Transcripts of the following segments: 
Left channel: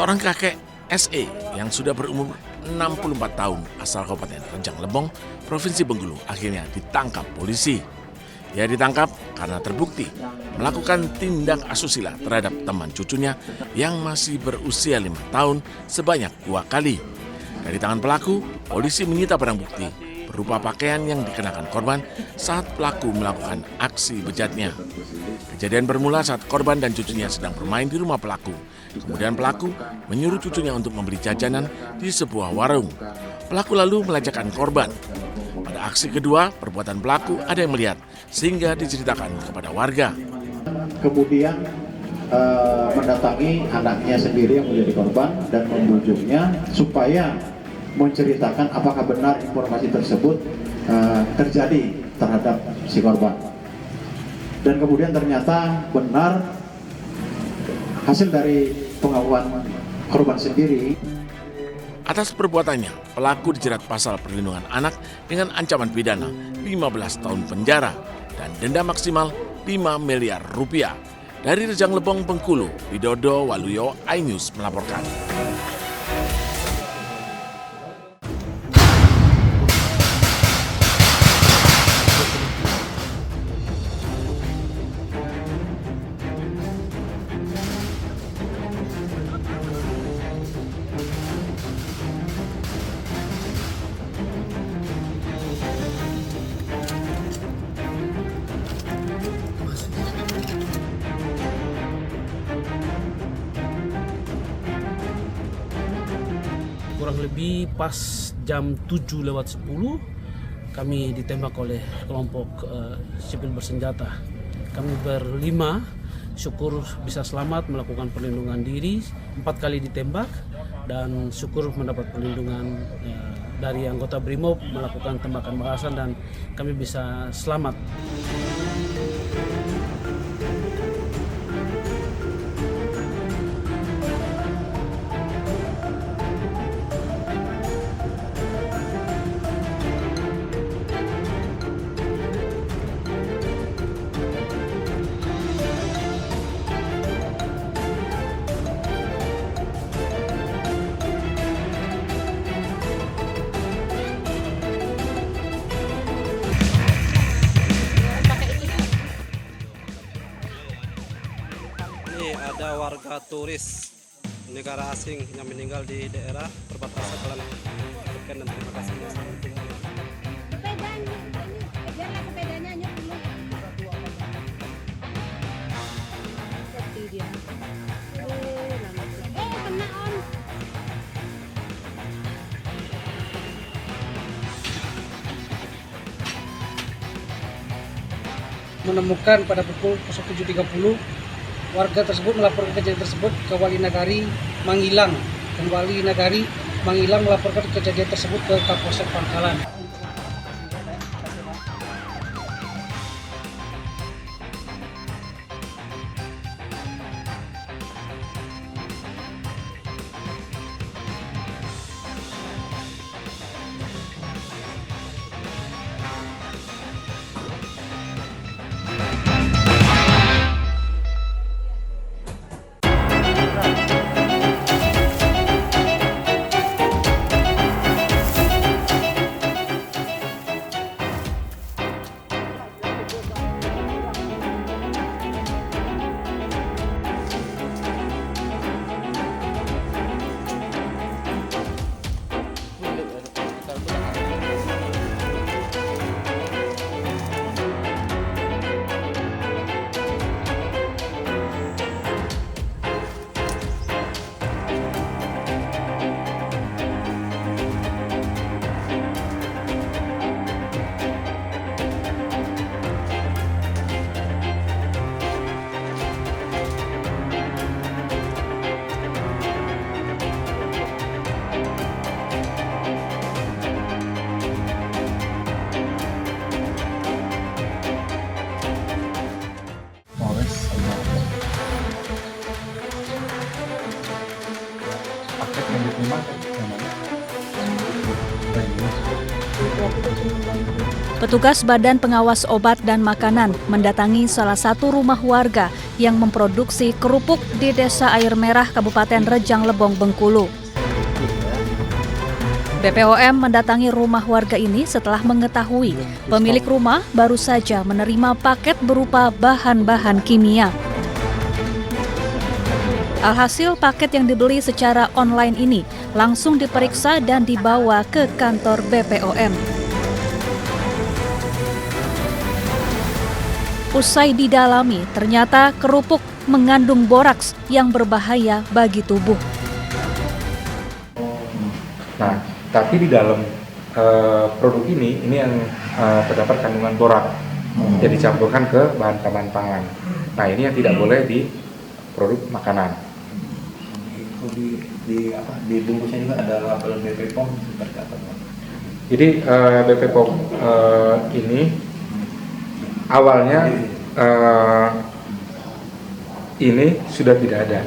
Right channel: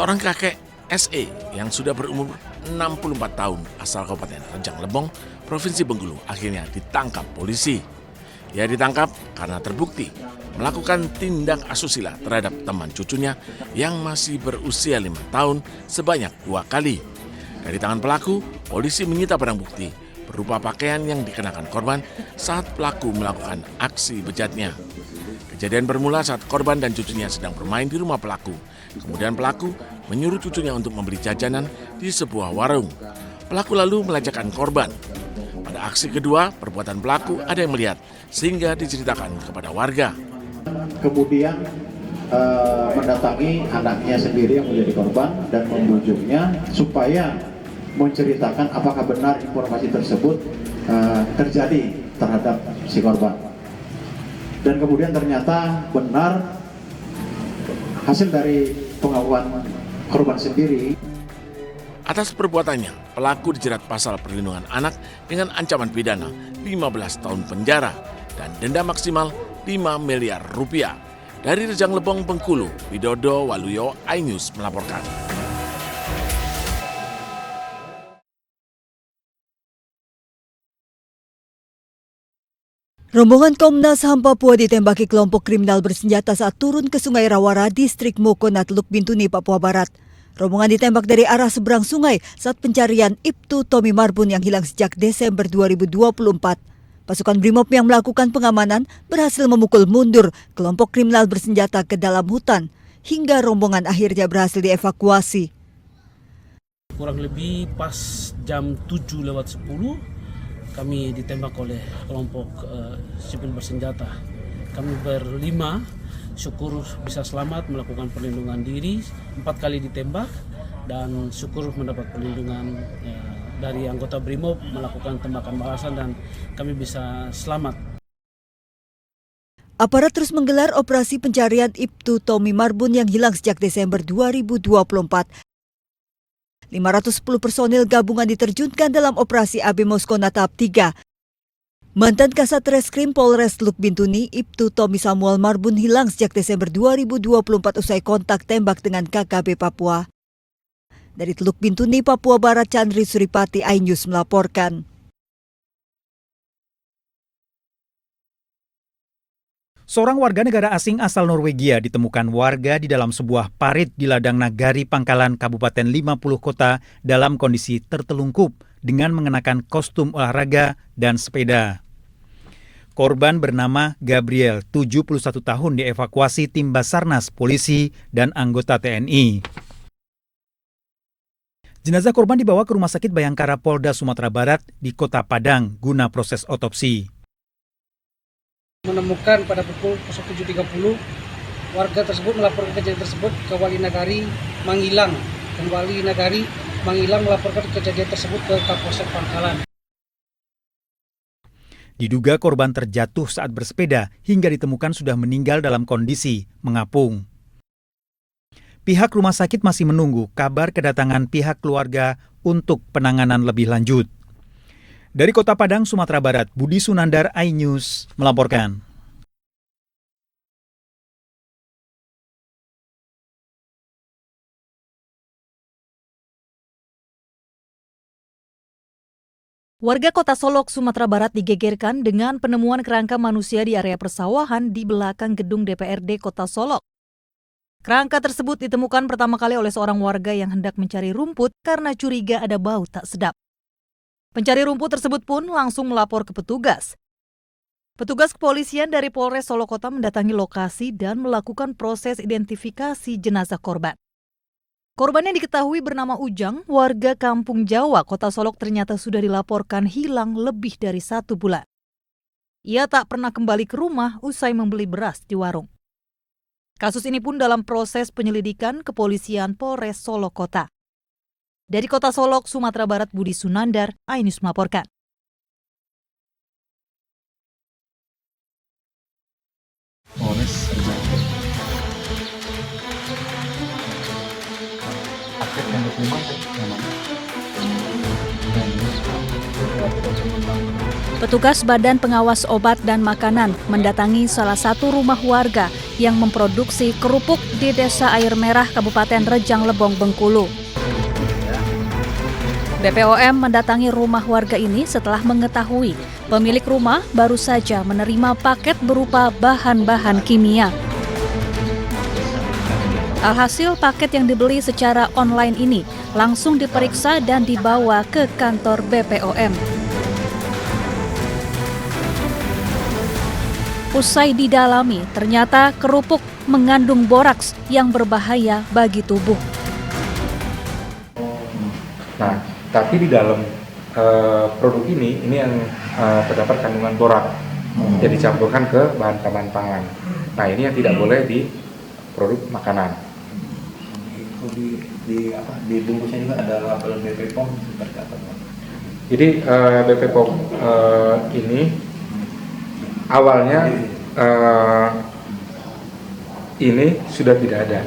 Seorang kakek SE yang sudah berumur 64 tahun asal Kabupaten Rejang Lebong, Provinsi Bengkulu akhirnya ditangkap polisi. Ia ditangkap karena terbukti melakukan tindak asusila terhadap teman cucunya yang masih berusia 5 tahun sebanyak 2 kali. Dari tangan pelaku, polisi menyita barang bukti berupa pakaian yang dikenakan korban saat pelaku melakukan aksi bejatnya. Kejadian bermula saat korban dan cucunya sedang bermain di rumah pelaku. Kemudian pelaku menyuruh cucunya untuk membeli jajanan di sebuah warung. Pelaku lalu melejakkan korban. Pada aksi kedua, perbuatan pelaku ada yang melihat sehingga diceritakan kepada warga. Kemudian mendatangi anaknya sendiri yang menjadi korban dan membujuknya supaya menceritakan apakah benar informasi tersebut terjadi terhadap si korban. Dan kemudian ternyata benar hasil dari pengakuan korban sendiri. Atas perbuatannya, pelaku dijerat pasal perlindungan anak dengan ancaman pidana 15 tahun penjara dan denda maksimal 5 miliar rupiah. Dari Rejang Lebong, Bengkulu, Widodo Waluyo, iNews melaporkan. Rombongan Komnas HAM Papua ditembaki kelompok kriminal bersenjata saat turun ke Sungai Rawara, Distrik Mokonat, Teluk Bintuni, Papua Barat. Rombongan ditembak dari arah seberang sungai saat pencarian Ibtu Tommy Marbun yang hilang sejak Desember 2024. Pasukan Brimob yang melakukan pengamanan berhasil memukul mundur kelompok kriminal bersenjata ke dalam hutan hingga rombongan akhirnya berhasil dievakuasi. Kurang lebih pas jam 7:10 kami ditembak oleh kelompok sipil bersenjata. Kami berlima, syukur bisa selamat melakukan perlindungan diri, 4 kali ditembak dan syukur mendapat perlindungan dari anggota Brimob melakukan tembakan balasan dan kami bisa selamat. Aparat terus menggelar operasi pencarian Ibtu Tommy Marbun yang hilang sejak Desember 2024. 510 personil gabungan diterjunkan dalam operasi AB Moskona tahap 3. Mantan Kasat Reskrim Polres Teluk Bintuni, Ibtu Tommy Samuel Marbun hilang sejak Desember 2024 usai kontak tembak dengan KKP Papua. Dari Teluk Bintuni, Papua Barat, Chandri Suripati, iNews melaporkan. Seorang warga negara asing asal Norwegia ditemukan warga di dalam sebuah parit di ladang Nagari Pangkalan, Kabupaten 50 Kota dalam kondisi tertelungkup dengan mengenakan kostum olahraga dan sepeda. Korban bernama Gabriel, 71 tahun, dievakuasi tim Basarnas, polisi, dan anggota TNI. Jenazah korban dibawa ke Rumah Sakit Bayangkara Polda Sumatera Barat di Kota Padang guna proses otopsi. Menemukan pada pukul 07.30 warga tersebut melaporkan kejadian tersebut ke Wali Nagari Mangilang, dan Wali Nagari Mangilang melaporkan kejadian tersebut ke Kapolsek Pangkalan. Diduga korban terjatuh saat bersepeda hingga ditemukan sudah meninggal dalam kondisi mengapung. Pihak rumah sakit masih menunggu kabar kedatangan pihak keluarga untuk penanganan lebih lanjut. Dari Kota Padang, Sumatera Barat, Budi Sunandar, iNews melaporkan. Warga Kota Solok, Sumatera Barat digegerkan dengan penemuan kerangka manusia di area persawahan di belakang gedung DPRD Kota Solok. Kerangka tersebut ditemukan pertama kali oleh seorang warga yang hendak mencari rumput karena curiga ada bau tak sedap. Pencari rumput tersebut pun langsung melapor ke petugas. Petugas kepolisian dari Polres Solok Kota mendatangi lokasi dan melakukan proses identifikasi jenazah korban. Korban yang diketahui bernama Ujang, warga Kampung Jawa, Kota Solok, ternyata sudah dilaporkan hilang lebih dari 1 bulan. Ia tak pernah kembali ke rumah usai membeli beras di warung. Kasus ini pun dalam proses penyelidikan kepolisian Polres Solok Kota. Dari Kota Solok, Sumatera Barat, Budi Sunandar, iNews melaporkan. Polres paket mendukung namanya. Petugas Badan Pengawas Obat dan Makanan mendatangi salah satu rumah warga yang memproduksi kerupuk di Desa Air Merah, Kabupaten Rejang Lebong, Bengkulu. BPOM mendatangi rumah warga ini setelah mengetahui pemilik rumah baru saja menerima paket berupa bahan-bahan kimia. Alhasil paket yang dibeli secara online ini langsung diperiksa dan dibawa ke kantor BPOM. Usai didalami, ternyata kerupuk mengandung boraks yang berbahaya bagi tubuh. Nah, tapi di dalam produk ini yang terdapat kandungan borak yang dicampurkan ke bahan-bahan pangan. Nah, ini yang tidak boleh di produk makanan. Di bungkusnya juga ada label BP POM seperti apa? Jadi BP POM ini awalnya ini sudah tidak ada.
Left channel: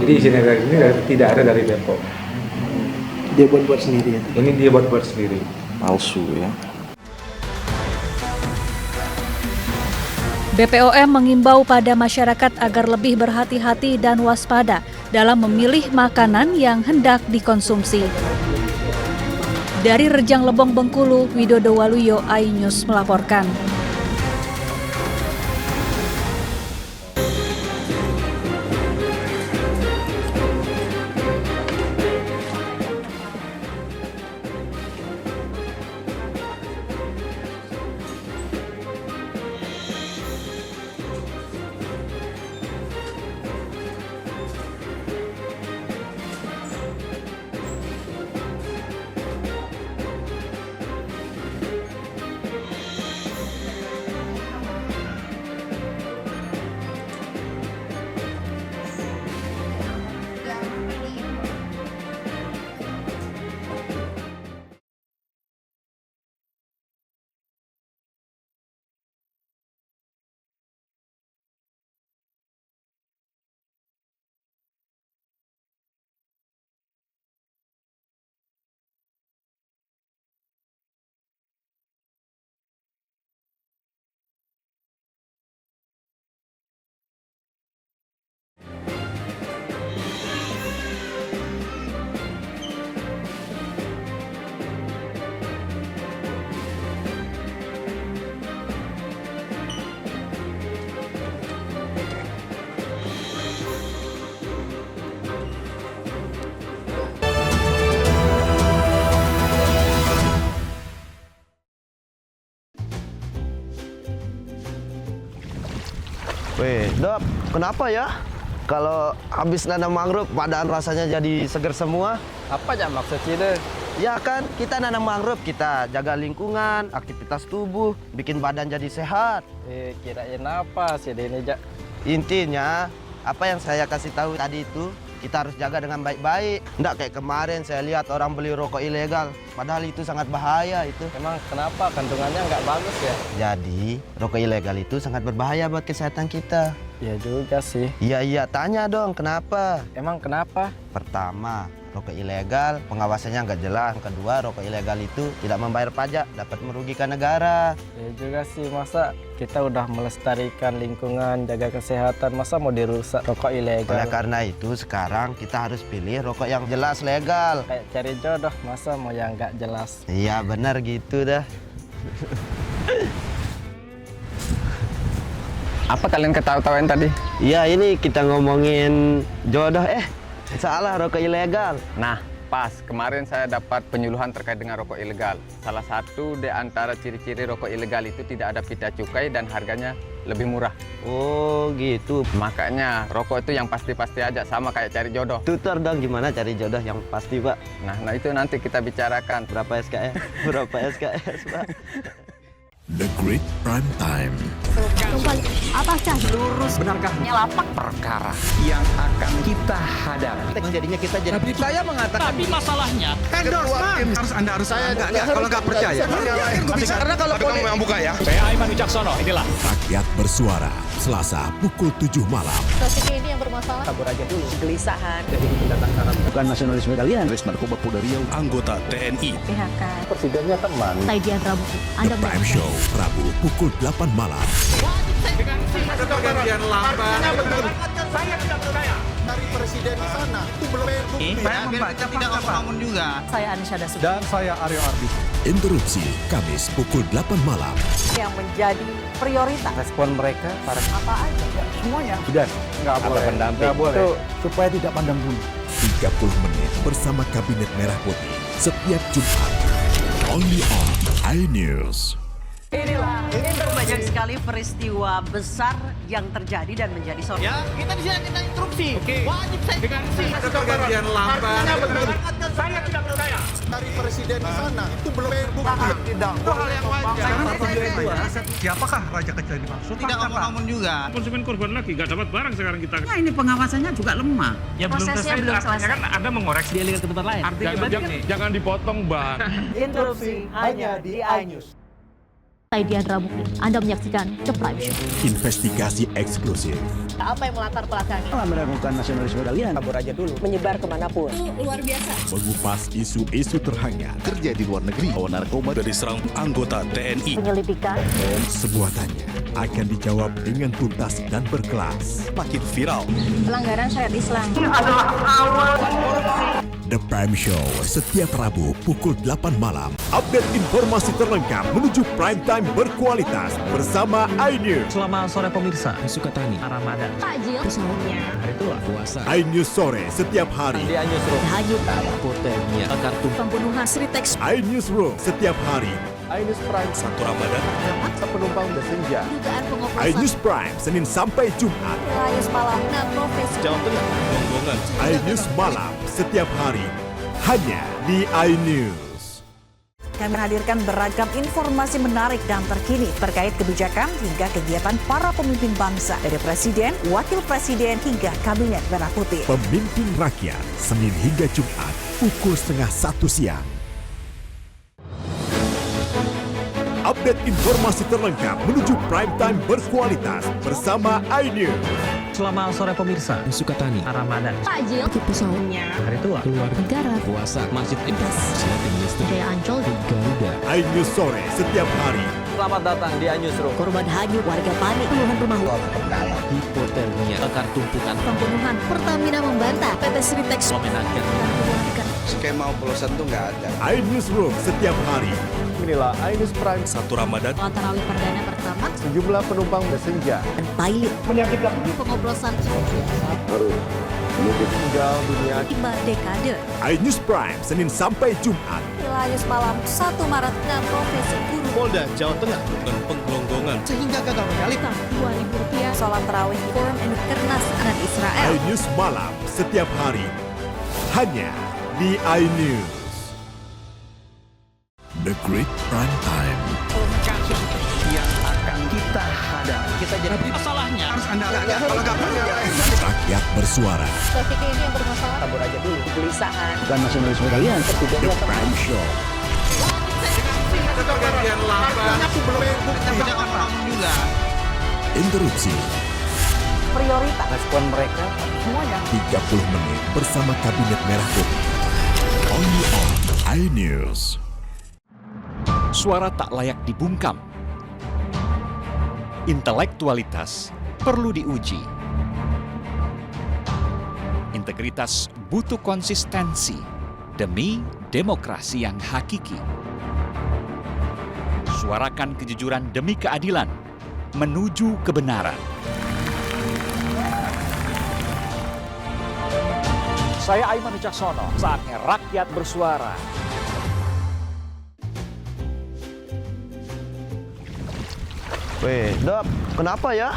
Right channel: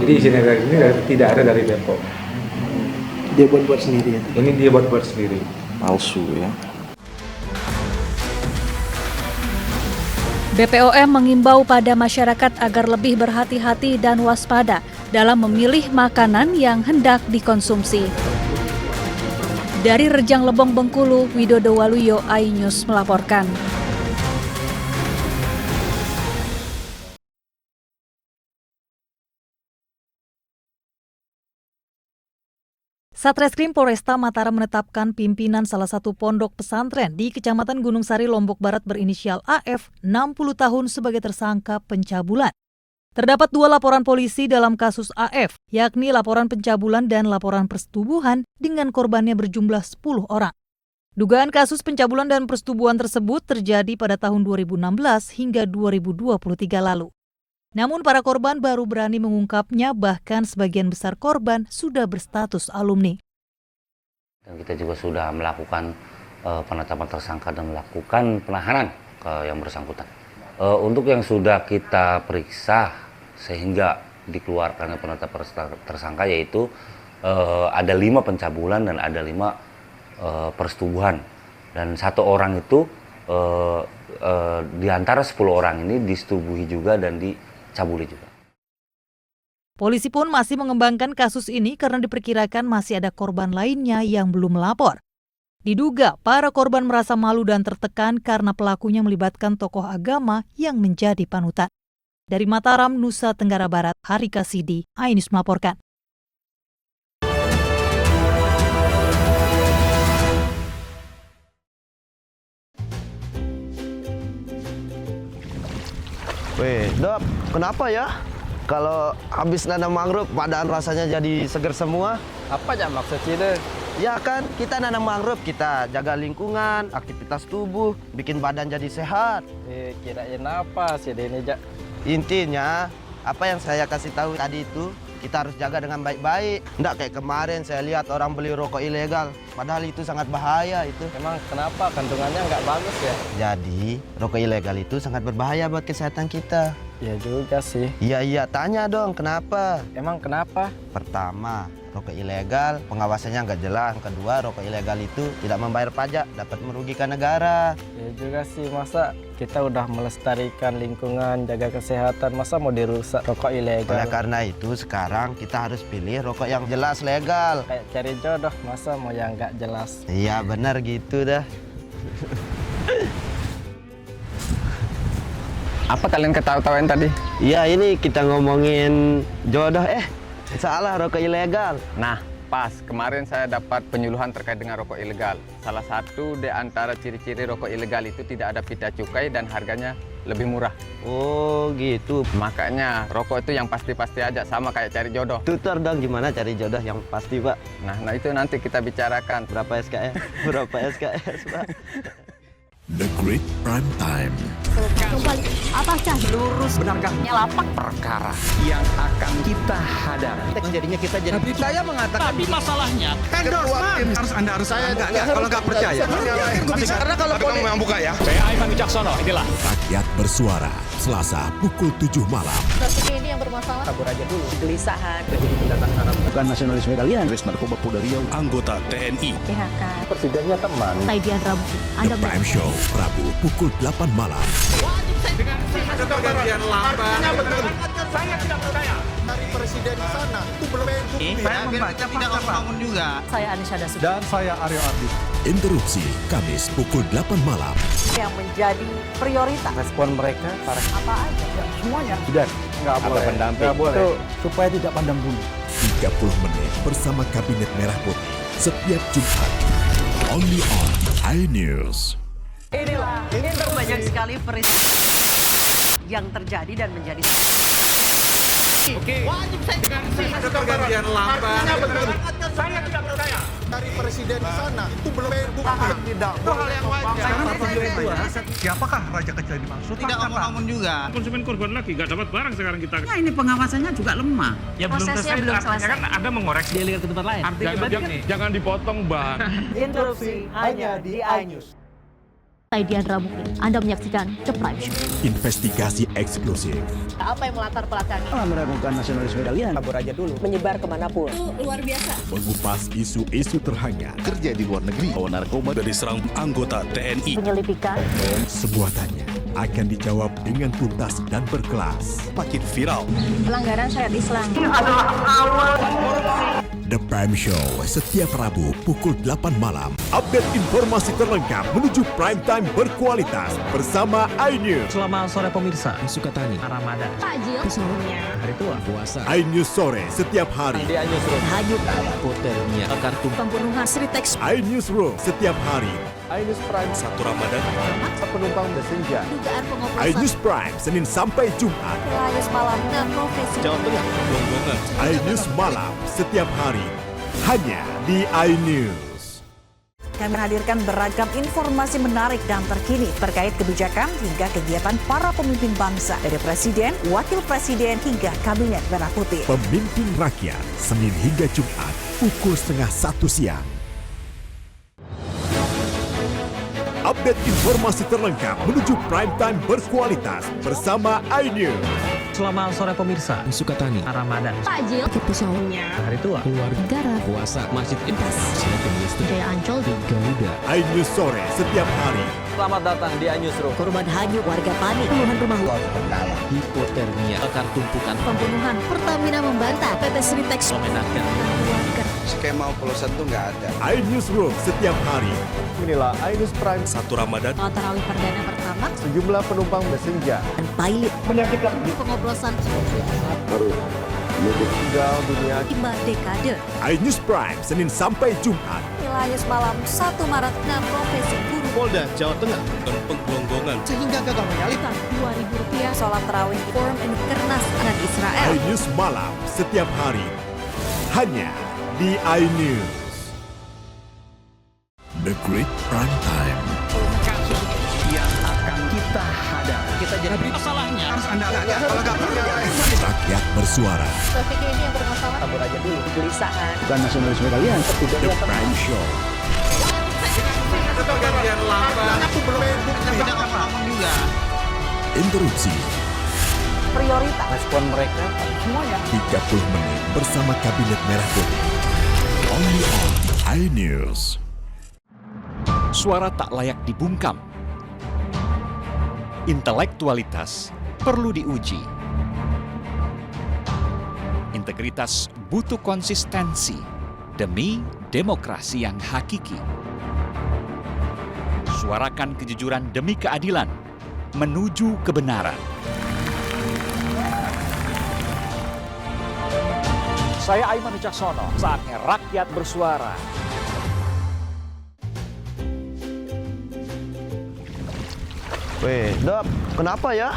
Jadi isinya dari ini tidak ada dari BPOM. Dia buat sendiri ya? Ini dia buat sendiri. Palsu ya. BPOM mengimbau pada masyarakat agar lebih berhati-hati dan waspada dalam memilih makanan yang hendak dikonsumsi. Dari Rejang Lebong, Bengkulu, Widodo Waluyo, iNews melaporkan. Satreskrim Polresta Mataram menetapkan pimpinan salah satu pondok pesantren di Kecamatan Gunung Sari, Lombok Barat berinisial AF 60 tahun sebagai tersangka pencabulan. Terdapat 2 laporan polisi dalam kasus AF, yakni laporan pencabulan dan laporan persetubuhan dengan korbannya berjumlah 10 orang. Dugaan kasus pencabulan dan persetubuhan tersebut terjadi pada tahun 2016 hingga 2023 lalu. Namun para korban baru berani mengungkapnya, bahkan sebagian besar korban sudah berstatus alumni. Kita juga sudah melakukan penetapan tersangka dan melakukan penahanan ke yang bersangkutan. Untuk yang sudah kita periksa sehingga dikeluarkan penetapan tersangka yaitu ada 5 pencabulan dan ada 5 persetubuhan. Dan 1 orang itu di antara 10 orang ini disetubuhi juga dan dicabuli juga. Polisi pun masih mengembangkan kasus ini karena diperkirakan masih ada korban lainnya yang belum melapor. Diduga para korban merasa malu dan tertekan karena pelakunya melibatkan tokoh agama yang menjadi panutan. Dari Mataram, Nusa Tenggara Barat, Hari Kasidi, iNews melaporkan. Weh, Dok, kenapa ya? Kalau habis nanam mangrove, badan rasanya jadi seger semua. Apa aja maksudnya? Ya kan, kita nanam mangrove, kita jaga lingkungan, aktivitas tubuh, bikin badan jadi sehat. Kirain apa sih ini, Jak? Intinya, apa yang saya kasih tahu tadi itu, kita harus jaga dengan baik-baik. Nggak kayak kemarin saya lihat orang beli rokok ilegal, padahal itu sangat bahaya itu. Emang kenapa? Kandungannya nggak bagus ya? Jadi, rokok ilegal itu sangat berbahaya buat kesehatan kita. Iya juga sih. Iya, tanya dong, kenapa? Emang kenapa? Pertama, rokok ilegal pengawasannya nggak jelas. Kedua, rokok ilegal itu tidak membayar pajak, dapat merugikan negara. Iya juga sih, masa kita udah melestarikan lingkungan, jaga kesehatan, masa mau dirusak rokok ilegal? Oleh karena itu, sekarang kita harus pilih rokok yang jelas legal. Kayak cari jodoh, masa mau yang nggak jelas? Iya, benar gitu dah. Apa kalian ketawa-tawain tadi? Iya, ini kita ngomongin jodoh. Salah, rokok ilegal. Nah, pas kemarin saya dapat penyuluhan terkait dengan rokok ilegal. Salah satu di antara ciri-ciri rokok ilegal itu tidak ada pita cukai dan harganya lebih murah. Oh gitu. Makanya rokok itu yang pasti-pasti aja, sama kayak cari jodoh. Tutor dong gimana cari jodoh yang pasti, Pak. Nah itu nanti kita bicarakan. Berapa SKS? Berapa SKS, Pak? The Great Prime Time. Apakah lurus? Benarkah Lapak perkara yang akan kita hadapi? Jadinya kita jadi. Tapi saya mengatakan. Tapi masalahnya Endorsement. Anda harus saya nggak kalau nggak percaya. Karena kalau kamu yang buka ya. Saya Aiman Wicaksono, inilah. Rakyat bersuara, Selasa pukul 7 malam. Kasusnya ini yang bermasalah. Kabur aja dulu. Kegelisahan. Jadi pendatang haram. Bukan nasionalisme kalian. Res Narkoba Polda Riau, anggota TNI. PHK. Presidennya teman. Taidian Rabu. The Prime Show. Rabu pukul 8 malam. Ada pergantian lambat. Saya tidak percaya. Dari presiden di sana itu belum bukti. Saya membaca tidak ngomong juga. Saya Anisha Dasud. Dan saya Aryo Ardi. Interupsi Kamis pukul 8 malam. Yang menjadi prioritas. Respon mereka para Apa aja? Semuanya. sudah nggak boleh pendamping itu Supaya tidak pandang bulu. 30 menit bersama Kabinet Merah Putih setiap Jumat. Only on iNews. Inilah banyak sekali peristiwa besar yang terjadi dan menjadi Oke. Wajib saya ada pergantian lambat. Saya tidak percaya. Dari presiden di sana itu belum bukti. tidak Itu hal yang wajar. Siapakah raja kecil yang dimaksud? Tidak ngomong juga. Konsumen korban lagi nggak dapat barang sekarang kita. Nah, ini pengawasannya juga lemah. Ya Prosesnya belum selesai. Kan ada mengoreksi. Dialihkan ke tempat lain. Jangan dipotong, Bang. interupsi hanya di iNews. Saya Diandra Mukti. Anda menyaksikan The Prime Show. Investigasi eksklusif. Apa yang melatar belakangi? Meragukan nasionalisme kalian. Kabur aja dulu. Menyebar kemanapun. Luar biasa. Mengupas isu-isu terhangat. Kerja di luar negeri, bawa narkoba dari serang anggota TNI. Penyelidikan. Semua tanya akan dijawab dengan tuntas dan berkelas. Makin viral. Pelanggaran syariat Islam. The Prime Show setiap Rabu pukul 8 malam. Update informasi terlengkap menuju prime time berkualitas bersama iNews. Selamat sore pemirsa. Sukatani. Ramadan. Takjil. Sahurnya. Hari tua. Puasa. iNews sore setiap hari. Tahajud. Hotelnya. Kartu. Pembunuhan Sri Teks. iNews Room setiap hari. iNews Prime 1 Ramadan. Penumpang bersenja. Dugaan pengoplosan. iNews Prime Senin sampai Jumat. Wilayah malam. Nah, profesi. Jawa Tengah. Gonggongan. iNews malam setiap hari. Hanya di iNews. Kami menghadirkan beragam informasi menarik dan terkini terkait kebijakan hingga kegiatan para pemimpin bangsa dari Presiden, Wakil Presiden hingga Kabinet Merah Putih. Pemimpin Rakyat Senin hingga Jumat pukul 12:30 siang. Update informasi terlengkap menuju prime time berkualitas bersama iNews. Selamat sore pemirsa. Sukatani. Ramadan. Takjil. Sahurnya. Hari tua. Keluarga. Negara. Puasa. Masjid Intas. Silatin listrik. Jaya Ancol. Garuda. iNews sore setiap hari. selamat datang di iNews Room. Korban hanyut, warga panik, puluhan rumah Hipotermia. Akar tumpukan. pembunuhan. Pertamina membantah PT Sri Teks Menaker. dan keluarga. Skema oplosan tuh nggak ada. iNews Room setiap hari. Inilah iNews Prime 1 Ramadan. Sholat tarawih perdana pertama Sejumlah penumpang bersenja. dan pilot Menyakitkan. pengoplosan Harus meninggal dunia. 5 dekade. iNews Prime Senin sampai Jumat. Wilayah malam 1 Maret 6 profesi guru. Polda Jawa Tengah dan penggelonggongan Sehingga gagal menyalip. Rp2.000 sholat tarawih forum and kernas anak Israel. iNews malam setiap hari. Hanya di iNews. The Great Prime Time. Kasus yang akan kita hadapi. Kita jadi masalahnya. Harus Anda kalau nggak Rakyat bersuara. Topik ini yang bermasalah. kabur aja dulu. Kegelisahan. Bukan nasionalisme kalian. The Prime Show. Ada pergantian lambat. Itu belum bukti. Tidak ngomong juga. Interupsi Prioritas. respon mereka Semuanya. 30 menit bersama Kabinet Merah Putih. Only on iNews. Suara tak layak dibungkam. Intelektualitas perlu diuji. Integritas butuh konsistensi demi demokrasi yang hakiki. Suarakan kejujuran demi keadilan menuju kebenaran. Saya Aiman Wicaksono, saatnya rakyat bersuara. Weh, Dok, kenapa ya?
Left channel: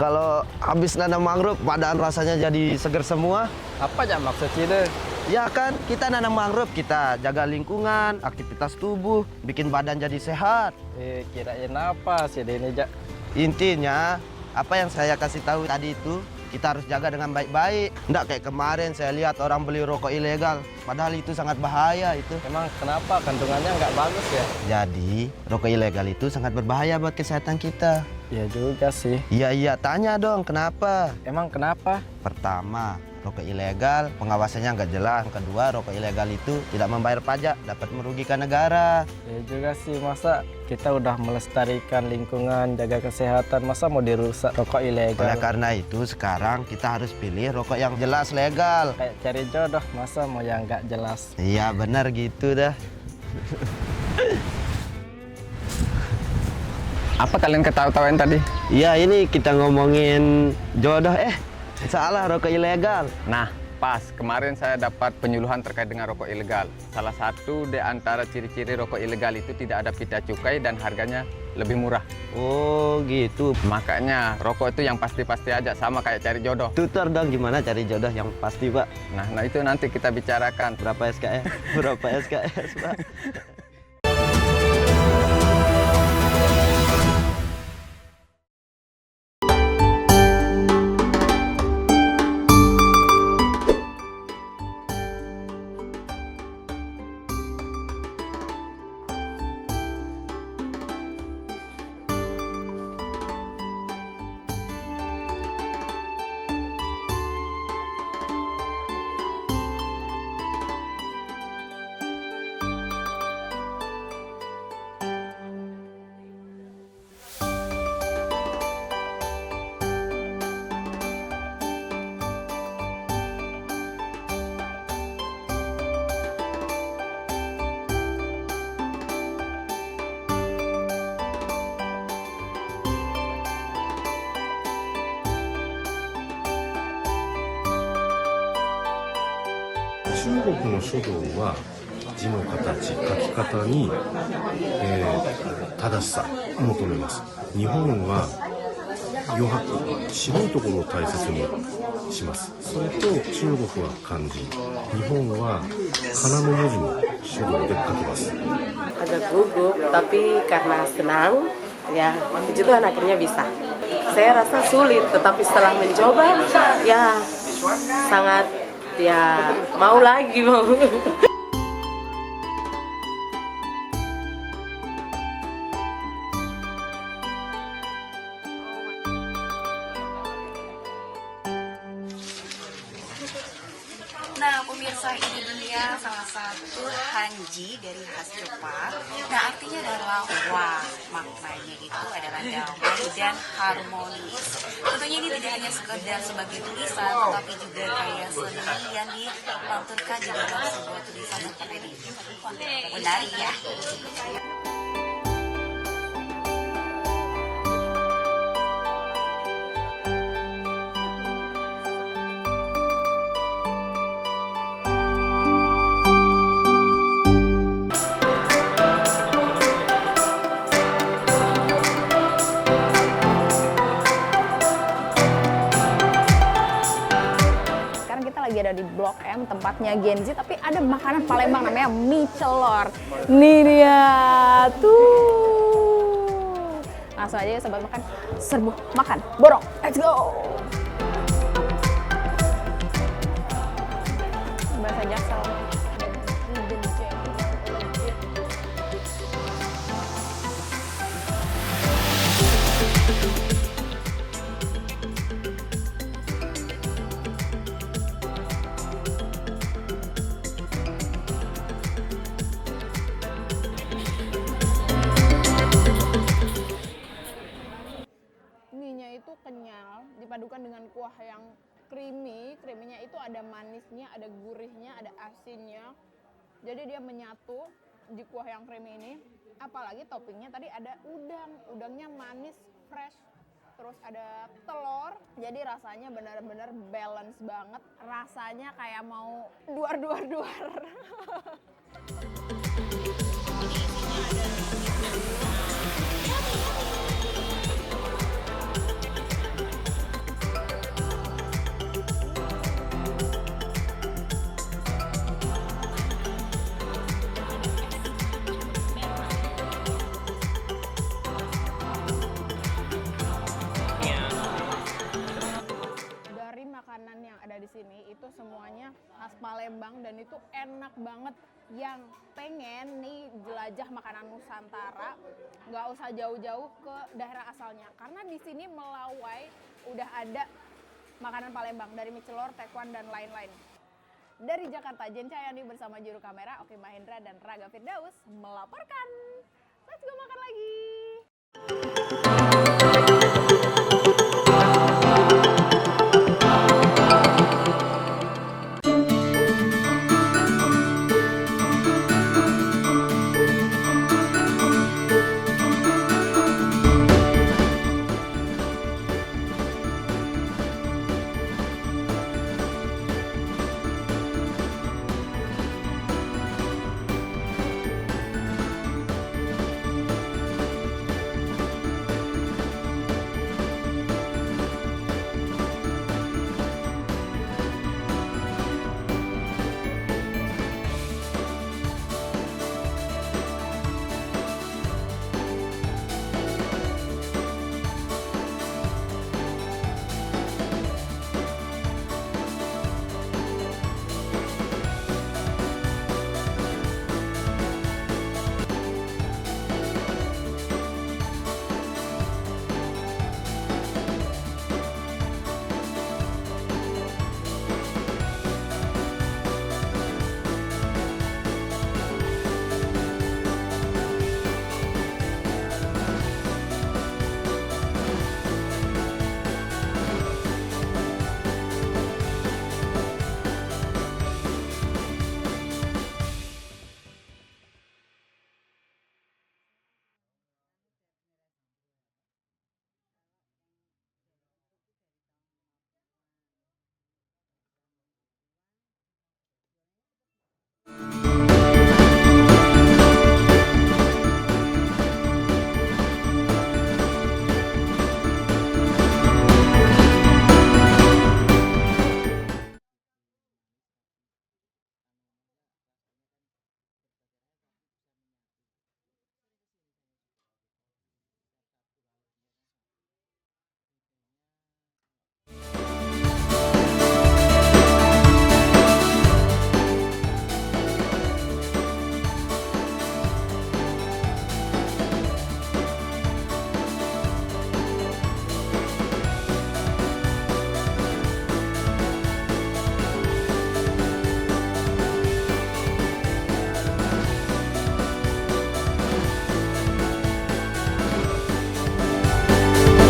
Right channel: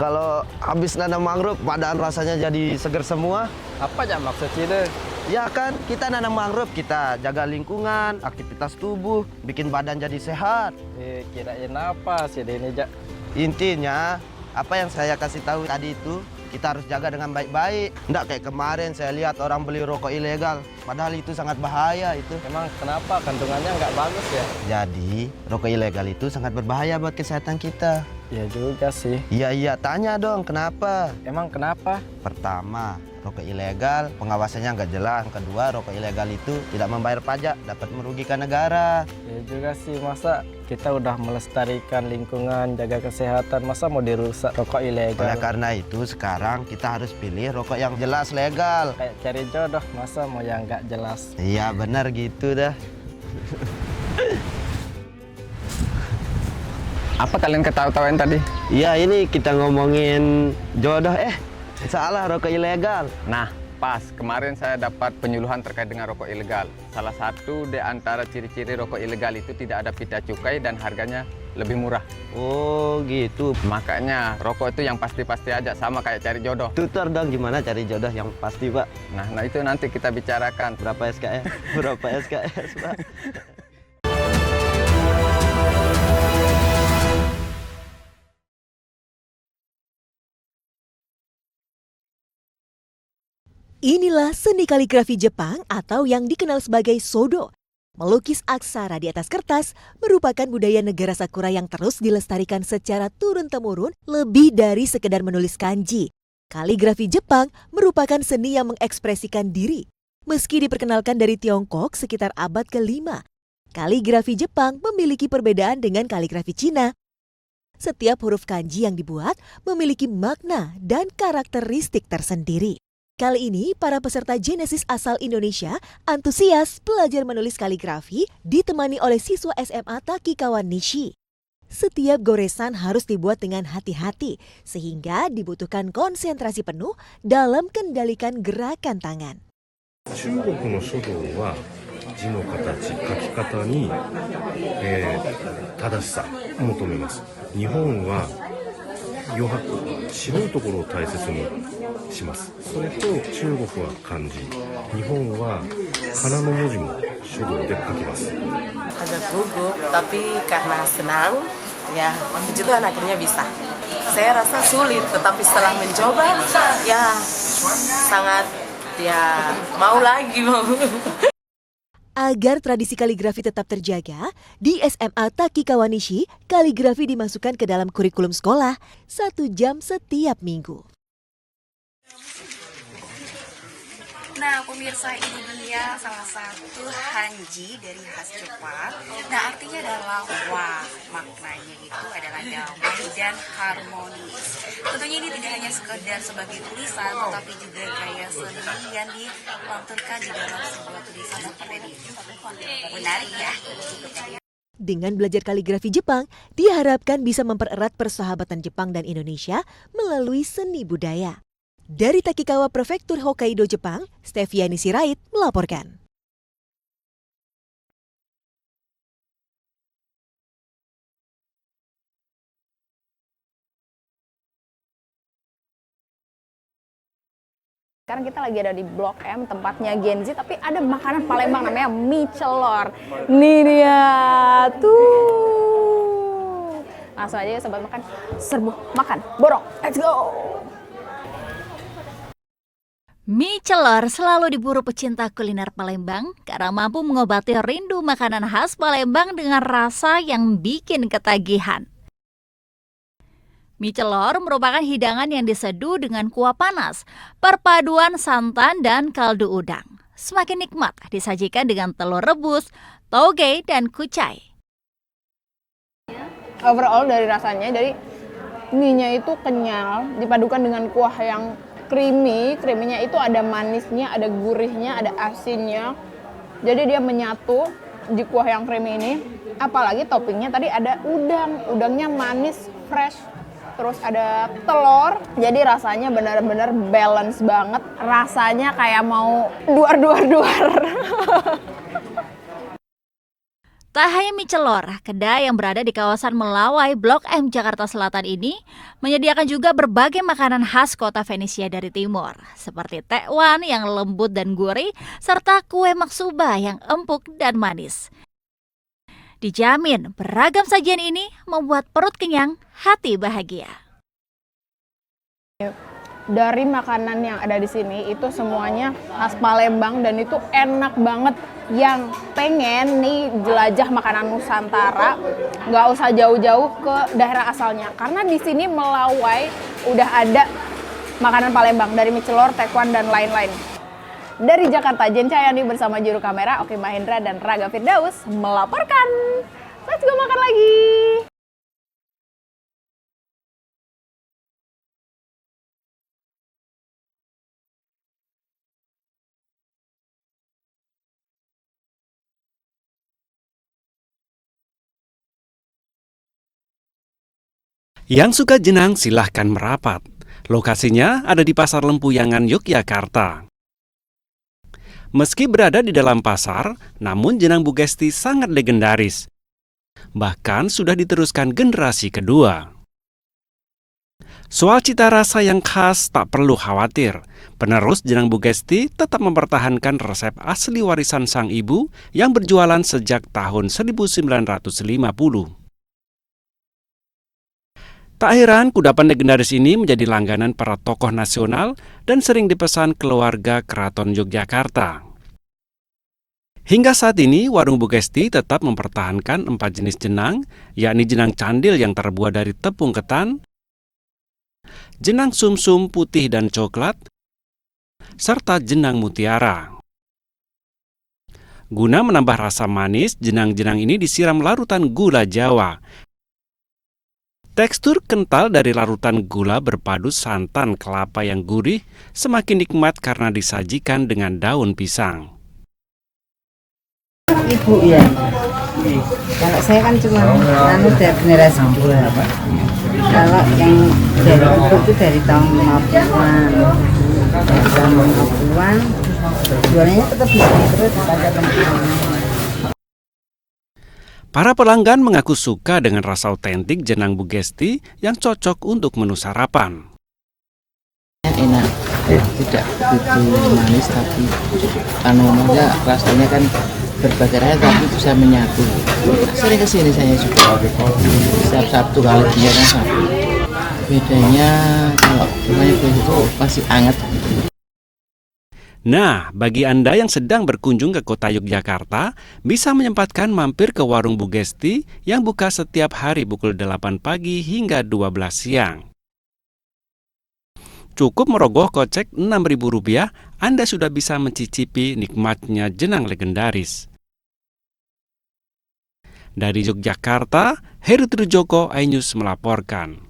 Kalau habis nanam mangrove, badan rasanya jadi seger semua. Apa aja maksud Cide? Ya kan, kita nanam mangrove, kita jaga lingkungan, aktivitas tubuh, bikin badan jadi sehat. Kirain apa sih ini, Jak? Intinya, apa yang saya kasih tahu tadi itu, kita harus jaga dengan baik-baik. Nggak kayak kemarin saya lihat orang beli rokok ilegal, padahal itu sangat bahaya itu. Emang kenapa? Kandungannya nggak bagus ya? Jadi, rokok ilegal itu sangat berbahaya buat kesehatan kita. Ya juga sih. Iya, tanya dong kenapa? Emang kenapa? Pertama, rokok ilegal, pengawasannya nggak jelas. Kedua, rokok ilegal itu tidak membayar pajak, dapat merugikan negara. Ya juga sih, masa kita udah melestarikan lingkungan, jaga kesehatan, masa mau dirusak rokok ilegal? Oleh karena itu, sekarang kita harus pilih rokok yang jelas legal. Kayak cari jodoh, masa mau yang nggak jelas? Iya, benar gitu dah. Apa kalian ketawa-tawain tadi? Iya, ini kita ngomongin jodoh. Salah, rokok ilegal. Nah, pas kemarin saya dapat penyuluhan terkait dengan rokok ilegal. Salah satu di antara ciri-ciri rokok ilegal itu tidak ada pita cukai dan harganya lebih murah. Oh gitu. Makanya rokok itu yang pasti-pasti aja, sama kayak cari jodoh. Tutor dong gimana cari jodoh yang pasti, Pak. Nah itu nanti kita bicarakan. Berapa SKS? Berapa SKS, Pak? Inilah seni kaligrafi Jepang atau yang dikenal sebagai sodo. Melukis aksara di atas kertas merupakan budaya negara Sakura yang terus dilestarikan secara turun-temurun lebih dari sekedar menulis kanji. Kaligrafi Jepang merupakan seni yang mengekspresikan diri. Meski diperkenalkan dari Tiongkok sekitar abad ke-5, kaligrafi Jepang memiliki perbedaan dengan kaligrafi Cina. Setiap huruf kanji yang dibuat memiliki makna dan karakteristik tersendiri. Kali ini, para peserta Genesis asal Indonesia antusias belajar menulis kaligrafi ditemani oleh siswa SMA Takikawa Nishi. Setiap goresan harus dibuat dengan hati-hati, sehingga dibutuhkan konsentrasi penuh dalam kendalikan gerakan tangan. 中国の書道は字の形、書き方に、正しさを求めます。日本は余白、白いところを大切にします。それと中国は漢字、日本は仮名の文字も書道で書きます。 Agak gugup, tapi karena senang, ya puji Tuhan akhirnya bisa. Saya rasa sulit, tetapi setelah mencoba, ya sangat mau lagi. Agar tradisi kaligrafi tetap terjaga, di SMA Takikawa Nishi, kaligrafi dimasukkan ke dalam kurikulum sekolah 1 jam setiap minggu. Nah, pemirsa, ini dia salah satu hanji dari khas Jepang. Nah, artinya adalah wa. Maknanya itu adalah damai dan harmonis. Tentunya ini tidak hanya sekedar sebagai tulisan, tetapi juga gaya seni yang dilanturkan di dalam sebuah tulisan seperti ini. Wah, menarik ya. Dengan belajar kaligrafi Jepang, diharapkan bisa mempererat persahabatan Jepang dan Indonesia melalui seni budaya. Dari Takikawa Prefektur Hokkaido, Jepang, Steviani Sirait melaporkan. Sekarang kita lagi ada di Blok M, tempatnya Gen Z, tapi ada makanan Palembang namanya mie celor. Nih dia, tuh. Langsung aja ya sobat makan, serbu makan, borong, let's go! Mie celor selalu diburu pecinta kuliner Palembang karena mampu mengobati rindu makanan khas Palembang dengan rasa yang bikin ketagihan. Mie celor merupakan hidangan yang diseduh dengan kuah panas, perpaduan santan dan kaldu udang. Semakin nikmat disajikan dengan telur rebus, toge, dan kucai. Overall dari rasanya, dari mie-nya itu kenyal, dipadukan dengan kuah yang creamy-nya itu ada manisnya, ada gurihnya, ada asinnya. Jadi dia menyatu di kuah yang creamy ini. Apalagi toppingnya tadi ada udangnya manis, fresh. Terus ada telur, jadi rasanya benar-benar balance banget. Rasanya kayak mau duar. Tak hanya mie celor, kedai yang berada di kawasan Melawai, Blok M, Jakarta Selatan ini menyediakan juga berbagai makanan khas kota Venesia dari timur, seperti tekwan yang lembut dan gurih, serta kue maksuba yang empuk dan manis. Dijamin beragam sajian ini membuat perut kenyang, hati bahagia. Dari makanan yang ada di sini itu semuanya khas Palembang dan itu enak banget. yang pengen nih jelajah makanan Nusantara, nggak usah jauh-jauh ke daerah asalnya. Karena di sini Melawai udah ada makanan Palembang dari mie celor, tekwan, dan lain-lain. Dari Jakarta, Jen Cahyani bersama juru kamera Oki Mahendra dan Raga Firdaus melaporkan. Let's go makan lagi! Yang suka jenang silahkan merapat. Lokasinya ada di Pasar Lempuyangan, Yogyakarta. Meski berada di dalam pasar, namun jenang Bu Gesti sangat legendaris. Bahkan sudah diteruskan generasi kedua. Soal cita rasa yang khas tak perlu khawatir. Penerus jenang Bu Gesti tetap mempertahankan resep asli warisan sang ibu yang berjualan sejak tahun 1950. Tak heran kudapan legendaris ini menjadi langganan para tokoh nasional dan sering dipesan keluarga Keraton Yogyakarta. Hingga saat ini, warung Bu Gesti tetap mempertahankan 4 jenis jenang, yakni jenang candil yang terbuat dari tepung ketan, jenang sumsum putih dan coklat, serta jenang mutiara. Guna menambah rasa manis, jenang-jenang ini disiram larutan gula Jawa. Tekstur kental dari larutan gula berpadu santan kelapa yang gurih semakin nikmat karena disajikan dengan daun pisang. Ibu ya, kalau saya kan cuma dari generasi kedua. Kalau yang dari ibu itu dari tahun 50-an. Dari tahun 50-an, jualannya tetap bisa terus pada Para pelanggan mengaku suka dengan rasa otentik jenang Bu Gesti yang cocok untuk menu sarapan. Enak, tidak begitu manis tapi rasanya kan berbagai rasa tapi bisa menyatu. Sering kesini saya juga. Setiap Sabtu kalau dia kan Sabtu. Bedanya kalau rumahnya begitu masih hangat. Nah, bagi Anda yang sedang berkunjung ke kota Yogyakarta, bisa menyempatkan mampir ke warung Bu Gesti yang buka setiap hari pukul 8 pagi hingga 12 siang. Cukup merogoh kocek Rp6.000, Anda sudah bisa mencicipi nikmatnya jenang legendaris. Dari Yogyakarta, Heru Trijoko, iNews melaporkan.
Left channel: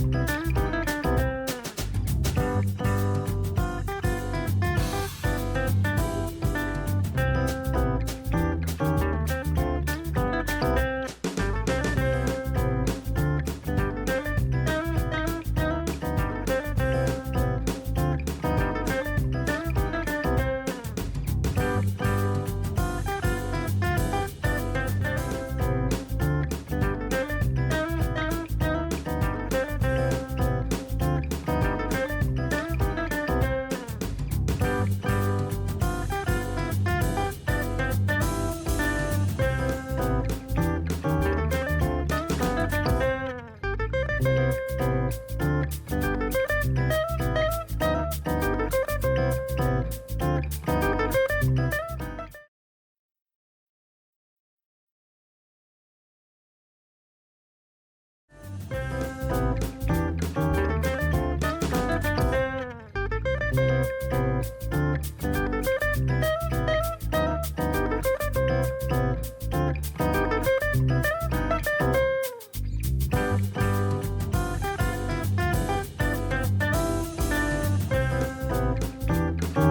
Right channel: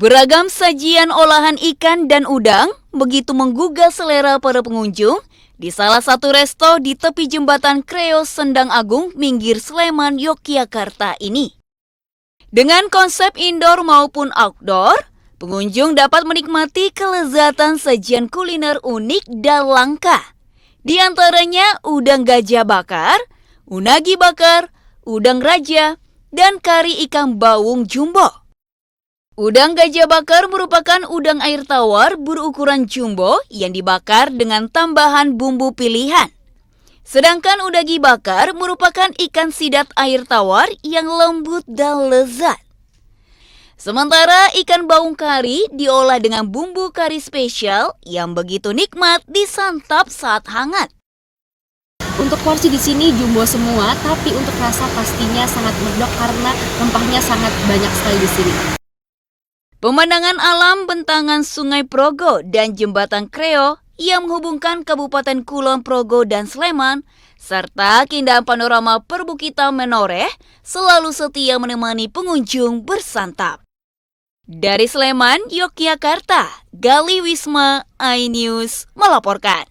Beragam sajian olahan ikan dan udang begitu menggugah selera para pengunjung di salah satu resto di tepi jembatan Kreo Sendang Agung, Minggir Sleman, Yogyakarta ini. Dengan konsep indoor maupun outdoor, pengunjung dapat menikmati kelezatan sajian kuliner unik dan langka. Di antaranya udang gajah bakar, unagi bakar, udang raja, dan kari ikan bawung jumbo. Udang gajah bakar merupakan udang air tawar berukuran jumbo yang dibakar dengan tambahan bumbu pilihan. Sedangkan udagi bakar merupakan ikan sidat air tawar yang lembut dan lezat. Sementara ikan baung kari diolah dengan bumbu kari spesial yang begitu nikmat disantap saat hangat. Untuk porsi di sini jumbo semua, tapi untuk rasa pastinya sangat medok karena rempahnya sangat banyak sekali di sini. Pemandangan alam bentangan Sungai Progo dan Jembatan Kreo yang menghubungkan Kabupaten Kulon Progo dan Sleman, serta keindahan panorama perbukitan Menoreh selalu setia menemani pengunjung bersantap. Dari Sleman, Yogyakarta, Gali Wisma, iNews melaporkan.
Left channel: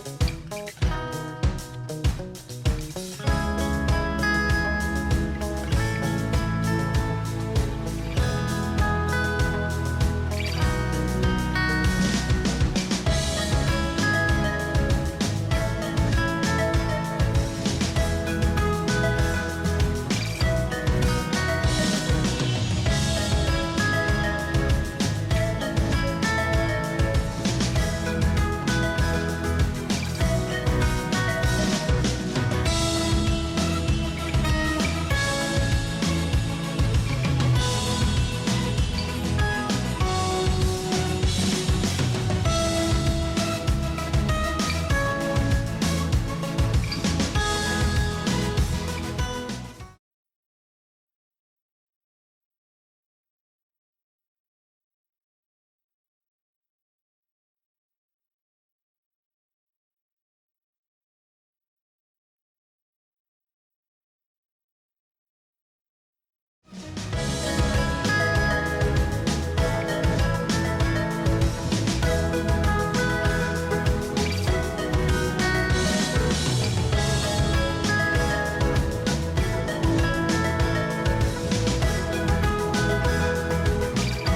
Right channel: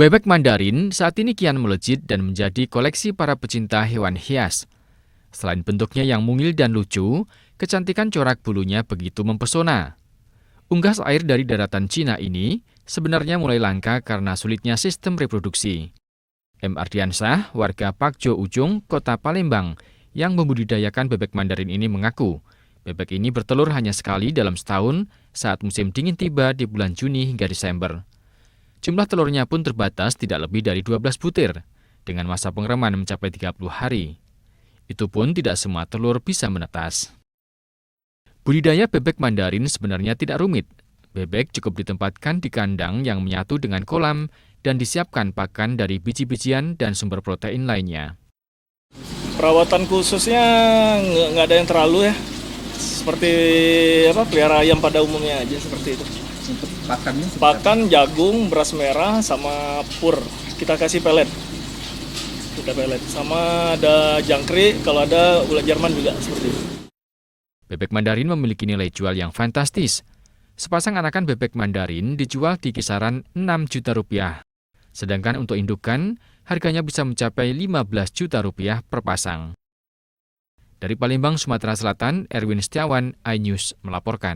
Bebek Mandarin saat ini kian melejit dan menjadi koleksi para pecinta hewan hias. Selain bentuknya yang mungil dan lucu, kecantikan corak bulunya begitu mempesona. Unggas air dari daratan Cina ini sebenarnya mulai langka karena sulitnya sistem reproduksi. M. Ardiansyah, warga Pakjo Ujung, Kota Palembang, yang membudidayakan bebek Mandarin ini mengaku, bebek ini bertelur hanya sekali dalam setahun saat musim dingin tiba di bulan Juni hingga Desember. Jumlah telurnya pun terbatas tidak lebih dari 12 butir, dengan masa pengereman mencapai 30 hari. Itu pun tidak semua telur bisa menetas. Budidaya bebek Mandarin sebenarnya tidak rumit. Bebek cukup ditempatkan di kandang yang menyatu dengan kolam dan disiapkan pakan dari biji-bijian dan sumber protein lainnya. Perawatan khususnya nggak ada yang terlalu ya. Seperti pelihara ayam pada umumnya aja seperti itu. Pakannya? Pakan jagung, beras merah, sama pur. Kita kasih pelet. Sama ada jangkrik, kalau ada ulat Jerman juga seperti itu. Bebek Mandarin memiliki nilai jual yang fantastis. Sepasang anakan bebek Mandarin dijual di kisaran 6 juta rupiah. Sedangkan untuk indukan, harganya bisa mencapai 15 juta rupiah per pasang. Dari Palembang, Sumatera Selatan, Erwin Setiawan, iNews melaporkan.